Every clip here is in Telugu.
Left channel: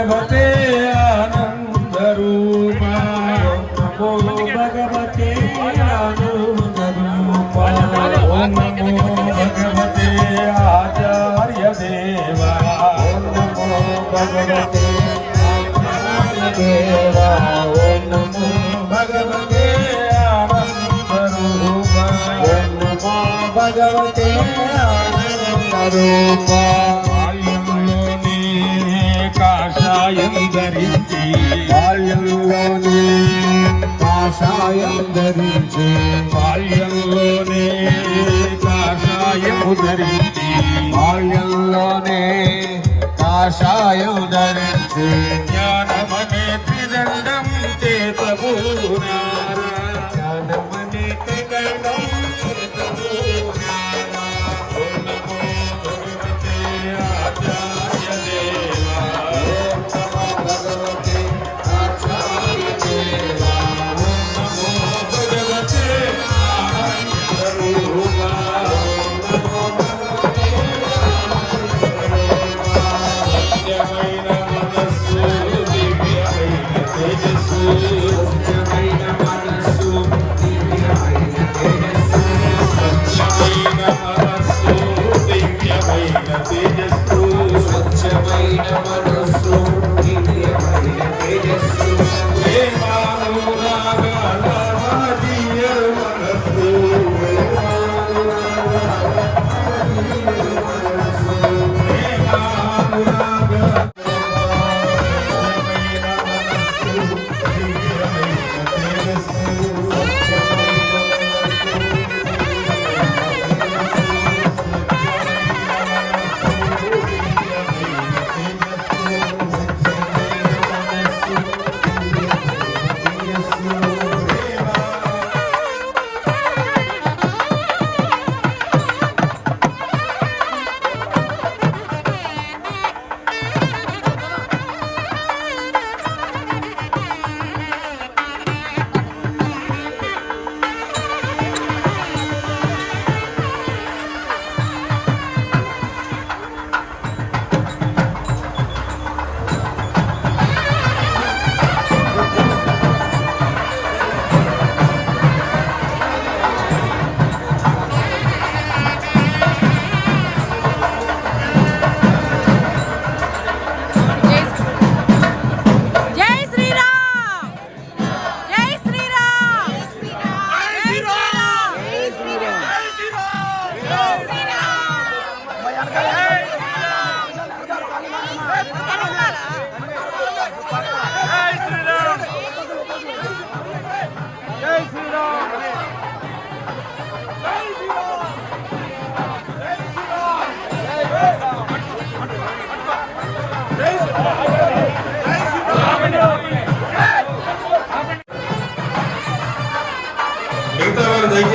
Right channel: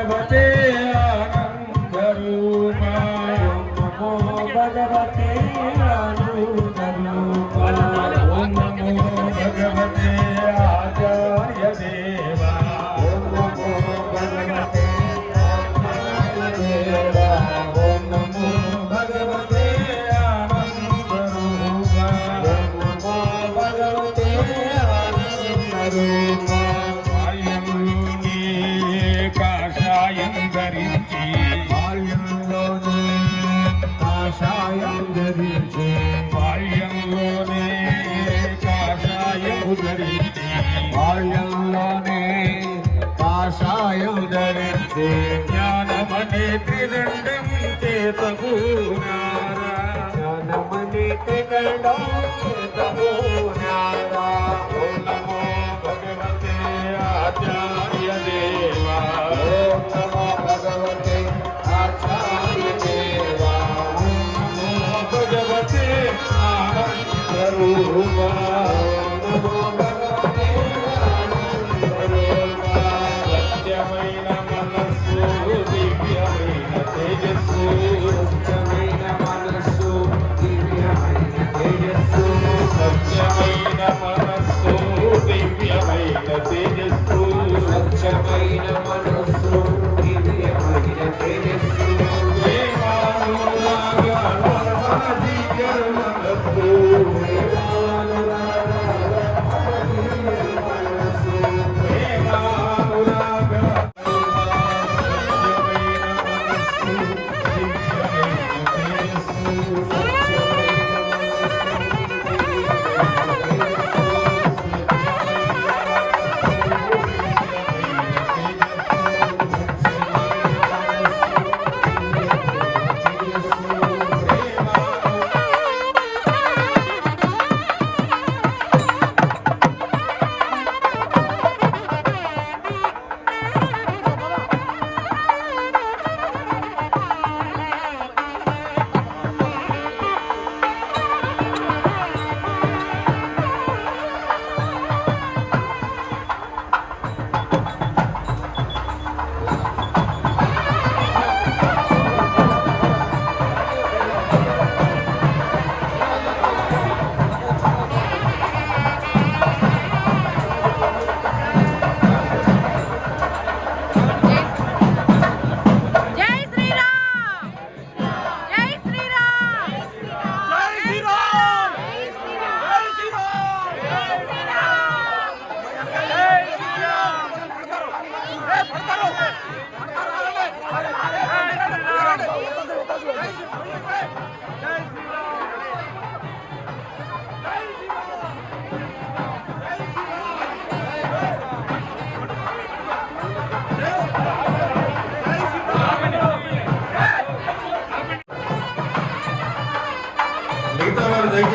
Llévate ooh.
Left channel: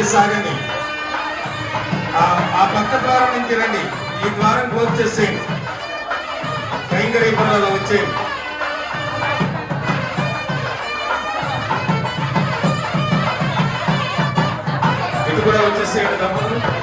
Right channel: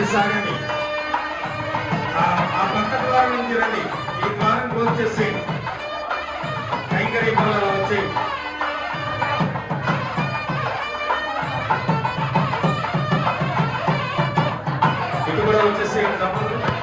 వారు సాగండి ఆ- పక్క ద్వారం నుంచి రండి. ఈ ద్వారం క్లోజ్ చేసి కైంకర్య వచ్చి. ఇది కూడా వచ్చేసేయండి దంపతులు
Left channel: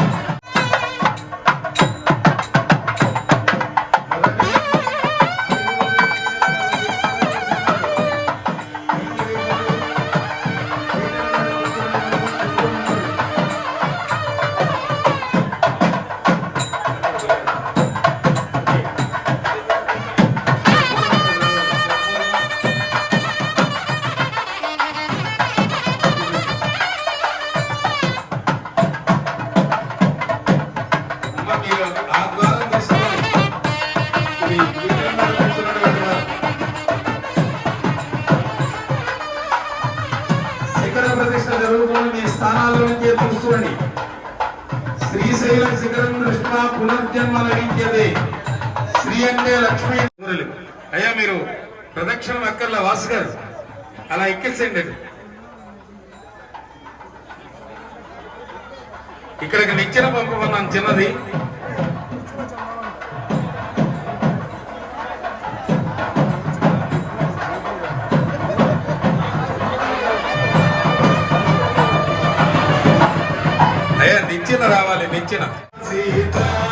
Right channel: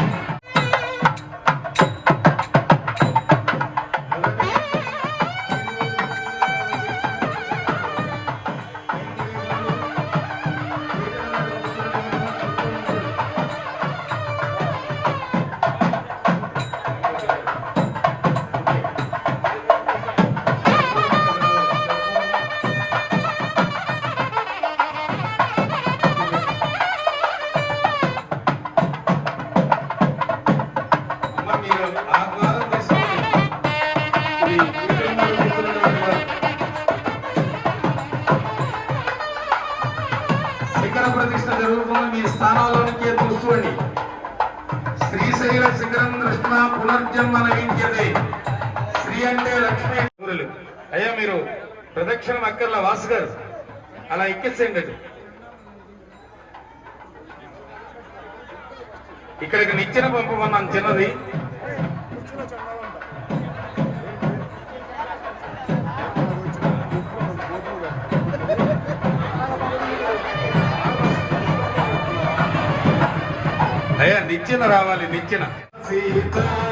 శిఖర ప్రతిష్ట జరుగుతున్న మీ స్థానాల్లోకి చూసుకోండి శ్రీశైల శిఖరం కృష్ణ పునర్జన్మ లభించదే. శ్రీ అంటే లక్ష్మీ అయ్యా మీరు ప్రదక్షిణం అక్కర్లా వాసు గారు? అలా ఎక్కించండి అది. ఇక్కడికి నిచ్చెన పంపమన్నాను చిన్నది けなの。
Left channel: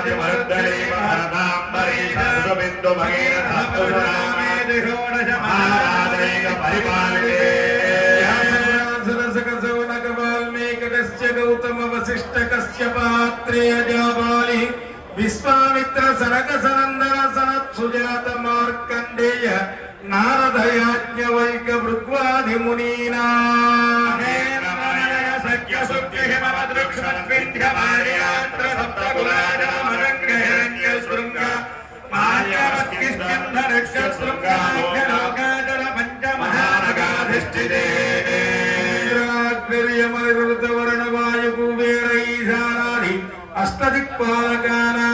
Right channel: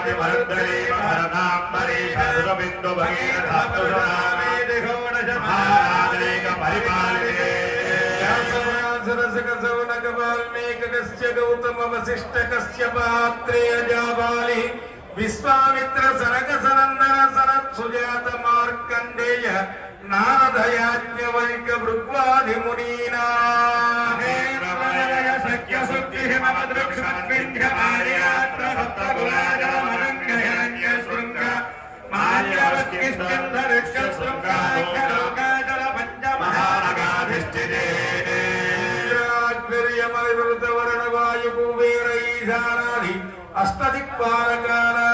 పరివృతే వాల్మీకస్య గౌతమ వశిష్ట కశ్య పాత్రేయ జాబాలి విశ్వామిత్ర సనక సనందన సనత్ సుజాత మార్కండేయ నారదయాజ్ఞవైక భృగ్వాది మునీనా వర్ణ వాయు కుబేరైశానాది అష్టదిక్పాలకానా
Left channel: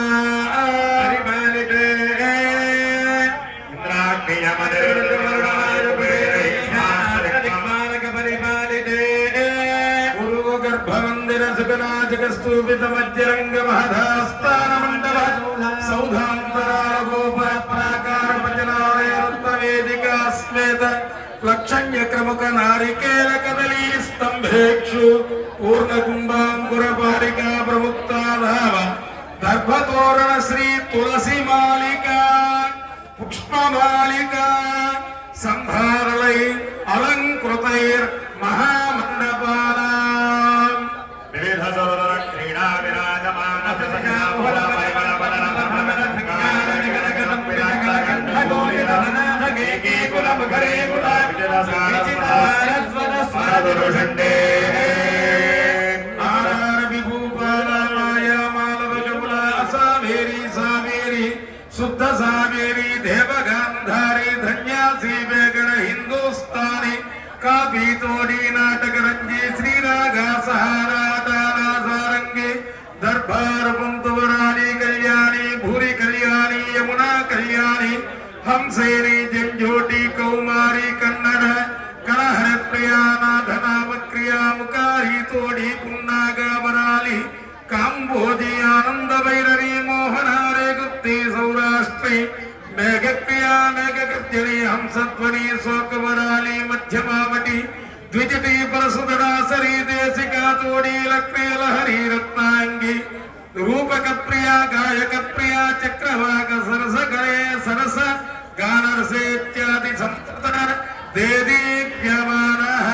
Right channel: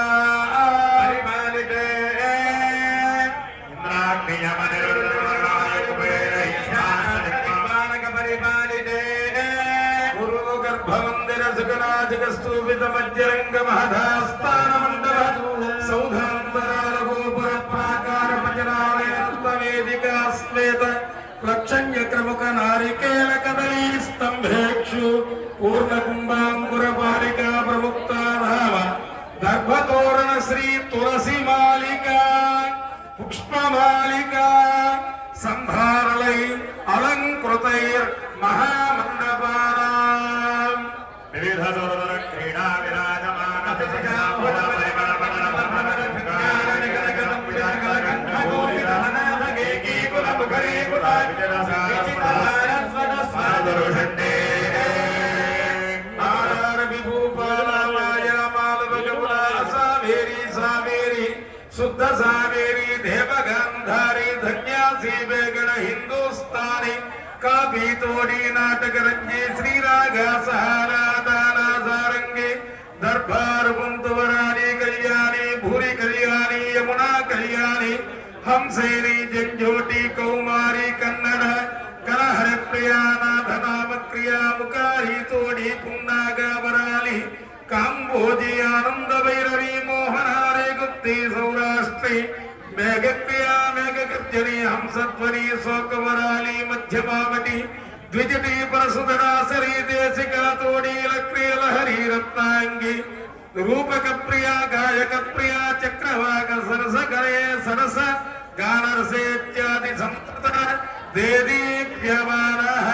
గర్భమందిర సుగనాజక స్థూపిత మధ్యరంగ మహదాస్థాన మండల సౌధాంతరాల గోపుర ప్రాకార భజనాలయ రత్నవేదిక శ్వేత లక్షణ్య క్రముక నారికేల కదలీ స్తంభేక్షు పూర్ణ కుంభాంకుర పారికా ప్రముక్త నామ దర్భతోరణ శ్రీ తులసి మాలిక పుష్పమాలిక సంభా धारी गांधारी धन्यासी वेगण हिंदुस्तानी काबी तोड़ी नाटक रंगी श्री राघा सहारा दाना सारंगे दरबार बुंद कल्याणी भूरी कल्याणी यमुना कल्याणी हमसेरी जनजोटी कौमारी कन्नड़ कलहर प्रिया नाधना मक्रिया मुकारी तोड़ी पुन्ना गावराली बोधी आनंद भैरव कृत्यरी हंसत्वरी शोकवराली मध्यमावटी द्विजटी परसुधरासरी देशिका, तोड़ी क्रियल लहरी, रत्नांगी रूपक प्रिया गायक प्रिया चक्रवाक सरस गणे सरस, गानरसे, इत्यादि संपदा देदीप्यमानः।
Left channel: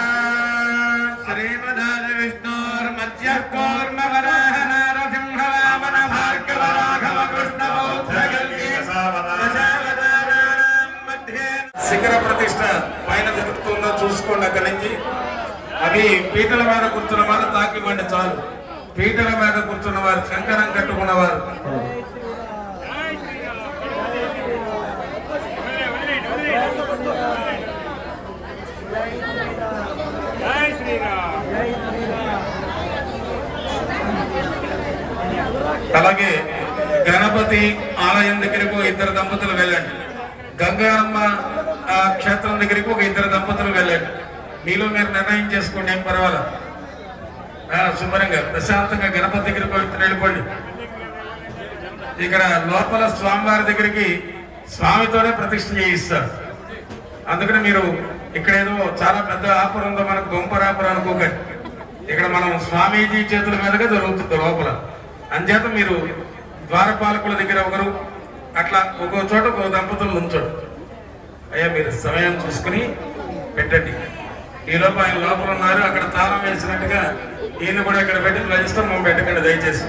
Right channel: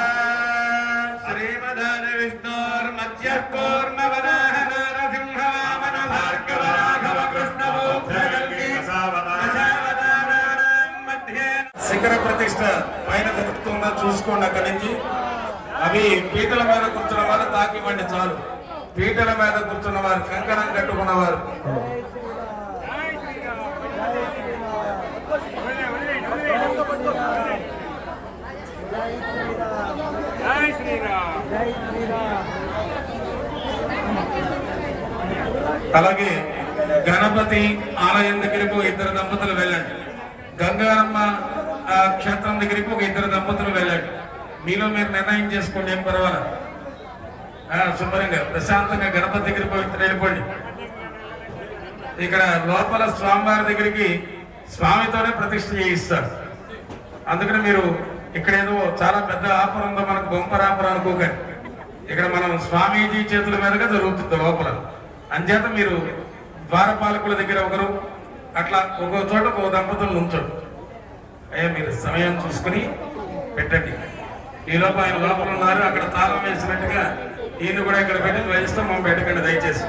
श्रीमदान विष्णोर्मध्यकोर्मवराहना ప్రతిష్ట పైన జరుగుతుందో చూసుకోండి అక్కడి నుంచి. అవి పీటల మీద కూర్చున్న వారు తాకివ్వండి చాలు. పీటల మీద కూర్చున్న వారు కంకణం కట్టుకున్నవారు జై శ్రీరామ్ అలాగే గణపతి ఆలయం దగ్గరకు ఇద్దరు దంపతులు వెళ్ళండి. గంగామ్మ క్షేత్రం దగ్గరికి ఒక ఇద్దరు దంపతులు వెళ్ళారు. మీలో మీరు నిర్ణయం చేసుకోండి ఏం పర్వాలేదు. శుభ్రంగా ప్రశాంతంగా గణపతి దగ్గర ఒక వెళ్ళిపోండి. ఇక్కడ లోపల స్వామివారి దగ్గరికి స్వామితోనే ప్రతిష్ఠ చేయిస్తారు. అందుకని మీరు ఇక్కడ ఏదో చాలా పెద్ద ఆపరం ఉందో మనకు బొంపర్ ఆపరం అనుకోకండి. ఇక్కడ మనం స్వామీజీ చేతుల మీదుగా జరుగుతుంది లోపల. అంచేత మీరు ద్వారపాలకుల దగ్గర ఒకరు అట్లా ఒక్కో చోట ఒక దంపతులు ఉంచడు అయ్యా మీరు సమయం చూసుకుని పెట్టండి. ఈ లోపల ఆయన లోపల ఉన్నారు. అక్కడ తాళం వేసినట్టుగా ఈయన కూడా ఇక్కడ పెట్టి ధ్వజిస్తాం మనం పెట్టకండి దయచేసి.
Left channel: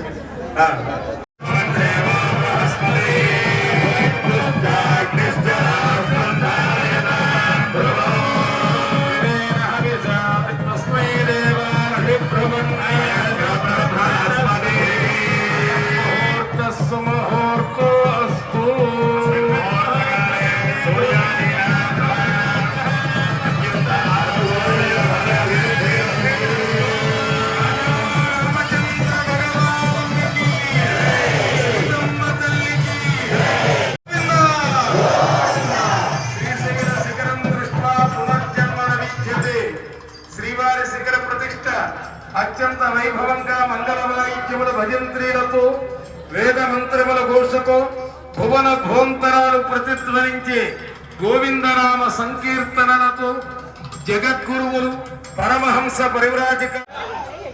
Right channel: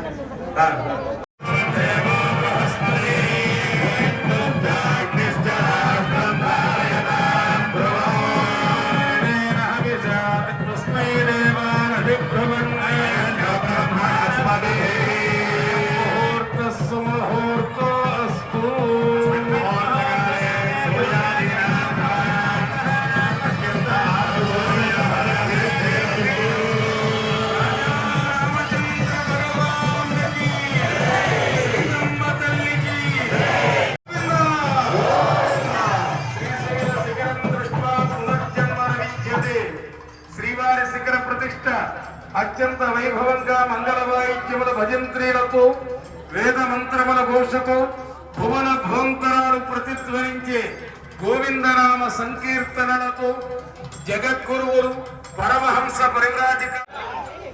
జగద్గురువులు పరమహంస పరివ్రాజక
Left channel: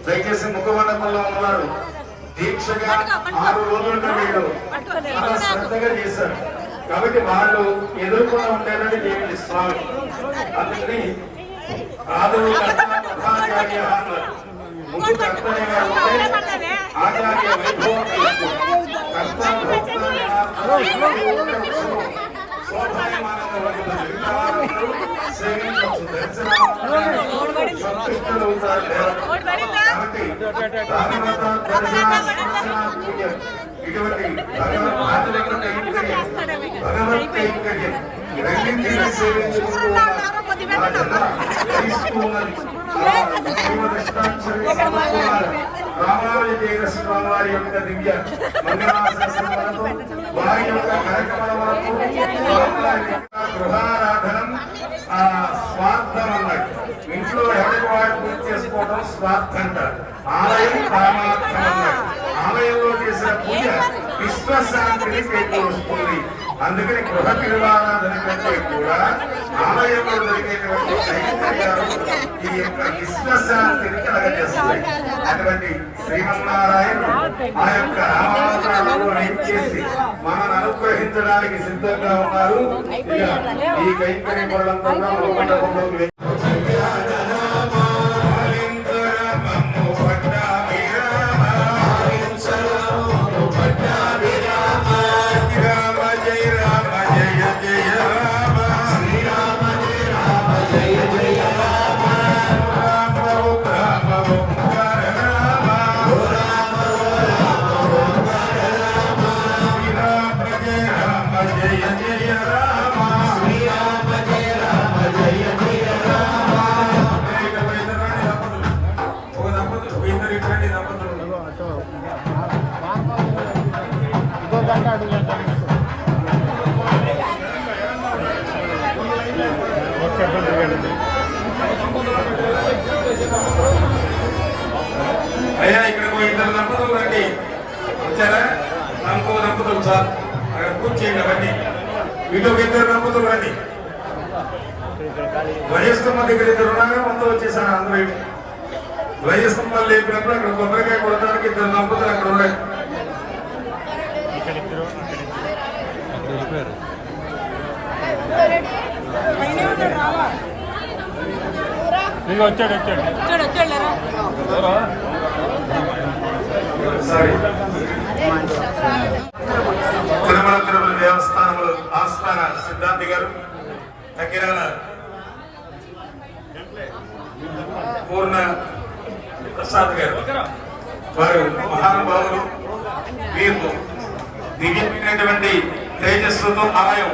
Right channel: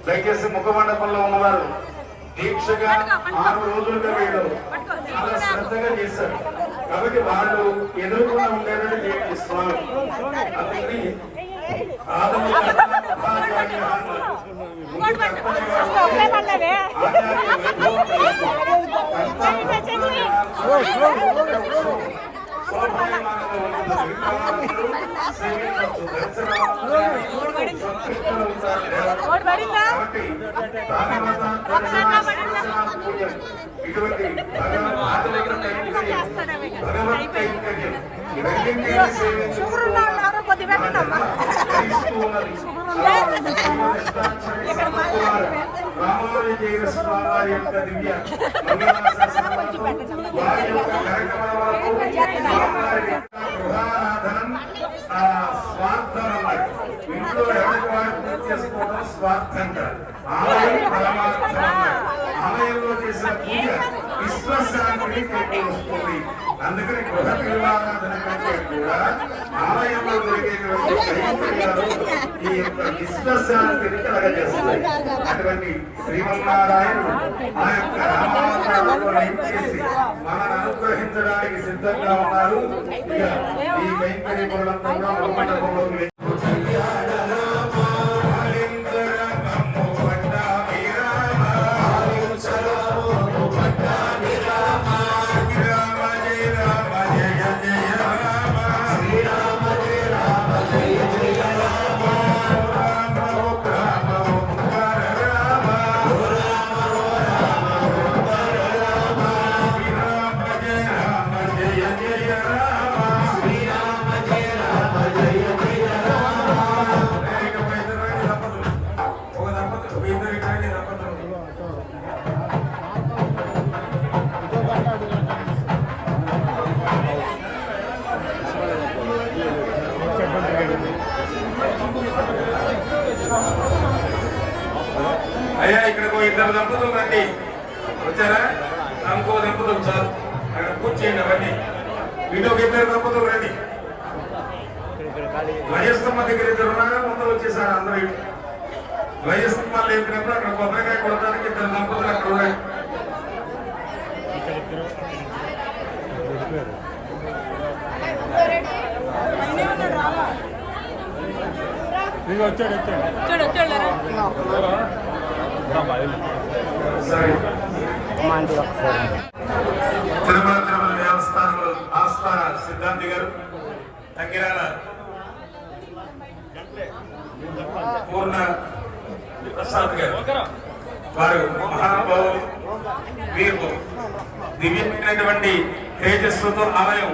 దయచేసి ముఖమండపంలో ఉన్నవారు దీక్షగా ఆరు రోజులుగా వీళ్ళు చాలా శ్రద్ధగా చేశారు కాబట్టి వాళ్ళు ఎదురుకుండా ఉంటారని నేను ఇస్తున్నాను అందుకని అంటే ఆచార్య వైభవం అయిపోయింది షుగర్ ఉన్న వాళ్ళు ఎవరో కొద్ది పెట్టండి అమ్మా రామానుజైన స్వామి యొక్క దివ్య వారి యొక్క గృహారాధనం ఆ స్వార్థం అన్నాడు ఇంట్లో ఎవరికి వాడు పూజ చేసుకోవడం స్వార్థం అంటారు ఆలయం పరమార్థం అన్నాడు ఆలయంలో చేసిన పూజ విశ్వశాంతిని చేకూరుస్తుంది అందుకని గృహ నిర్మాణాధన కంటే కూడా ఆలయంలో ఈ విశ్వశాంతిని కలగజేస్తాయి అటువంటి శ్రీమన్నారాయణ ఆ యొక్క రామాయణాలను చేసి మనల్ని అనుగ్రహించడానికి సిద్ధంగా ఉన్నారు. ఇక ఈ కైంకర్య పదంలోకి అయ్యా ఇక్కడికి ఇద్దరు దంపతులు రండి. వచ్చారా? ఇంకో దంపతులు సార్. అక్కడ పూజ చేయండి అవన్నీ వీటిలో ఒక ఇద్దరు దంపతులు రండి. వయస్కమ్మ దగ్గర ఇద్దరు ఉన్నారా మొత్తం వచ్చేసారు అందరూ. వయస్కమ్మ లేపినప్పుడు అక్కడ కొబ్బరికాయ కొడతానికి ఇద్దరు దంపతులు అక్కడ ఉన్నాయి రావా ఇంకా వచ్చాడు వచ్చాడు. వచ్చాడు వచ్చాడు తిరుమల తిరుమల దేవస్థానంలో ఆస్థాన సిద్ధాంతి గారు దగ్గరాల పూర్ణ ప్రసాద్ గారు. వారు మహానుభావులు వీరు దివ్యమైనటువంటి తేజస్సుతో ఆలయం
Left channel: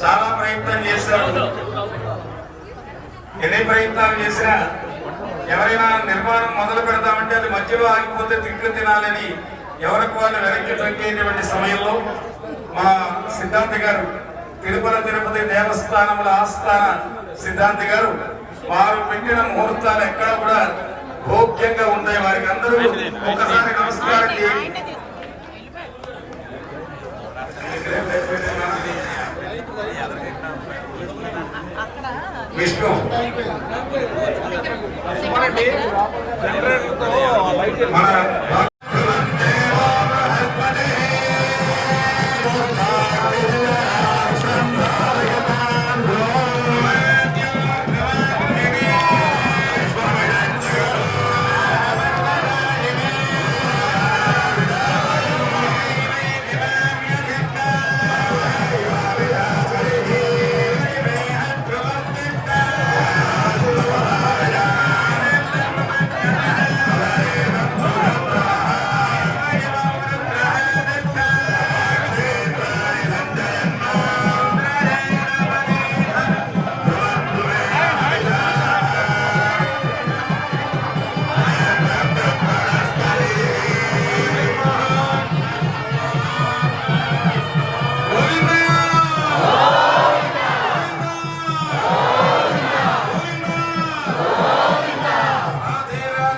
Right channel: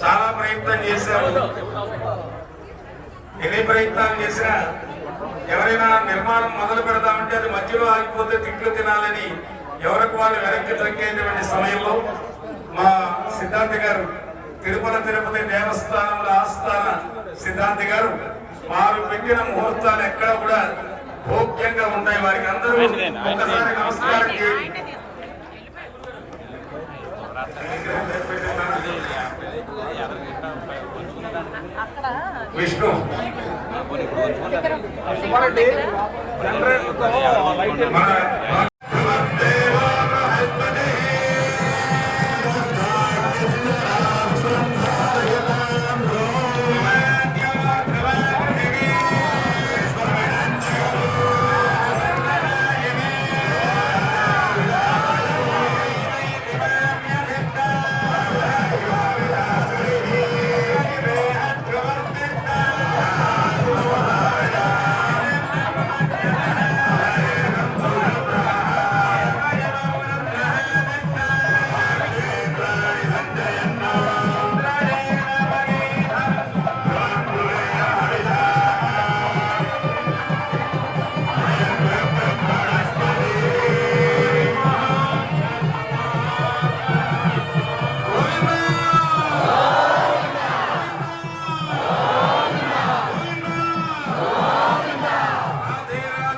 చాలా ప్రయత్నం చేశారు. ఎన్ని ప్రయత్నాలు చేసినా ఎవరైనా నిర్మాణం మొదలు పెడతామంటే అది మధ్యలో ఆగిపోతే తిట్లు తినాలని ఎవరికి వాళ్ళు వెనక్కి తగ్గేటువంటి సమయంలో మా సిద్ధాంతి గారు తిరుమల తిరుపతి దేవస్థానముల ఆస్థాన సిద్ధాంతి గారు వారు పెట్టిన ముహూర్తాలు ఎక్కడ కూడా భోగ్యంగా ఉంటాయి. వారికి అందరూ ఒక్కసారి నమస్కారం చేయండి అక్కడ విష్ణు. జనరేటర్తో లైట్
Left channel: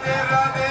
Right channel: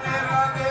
Rade, Rade.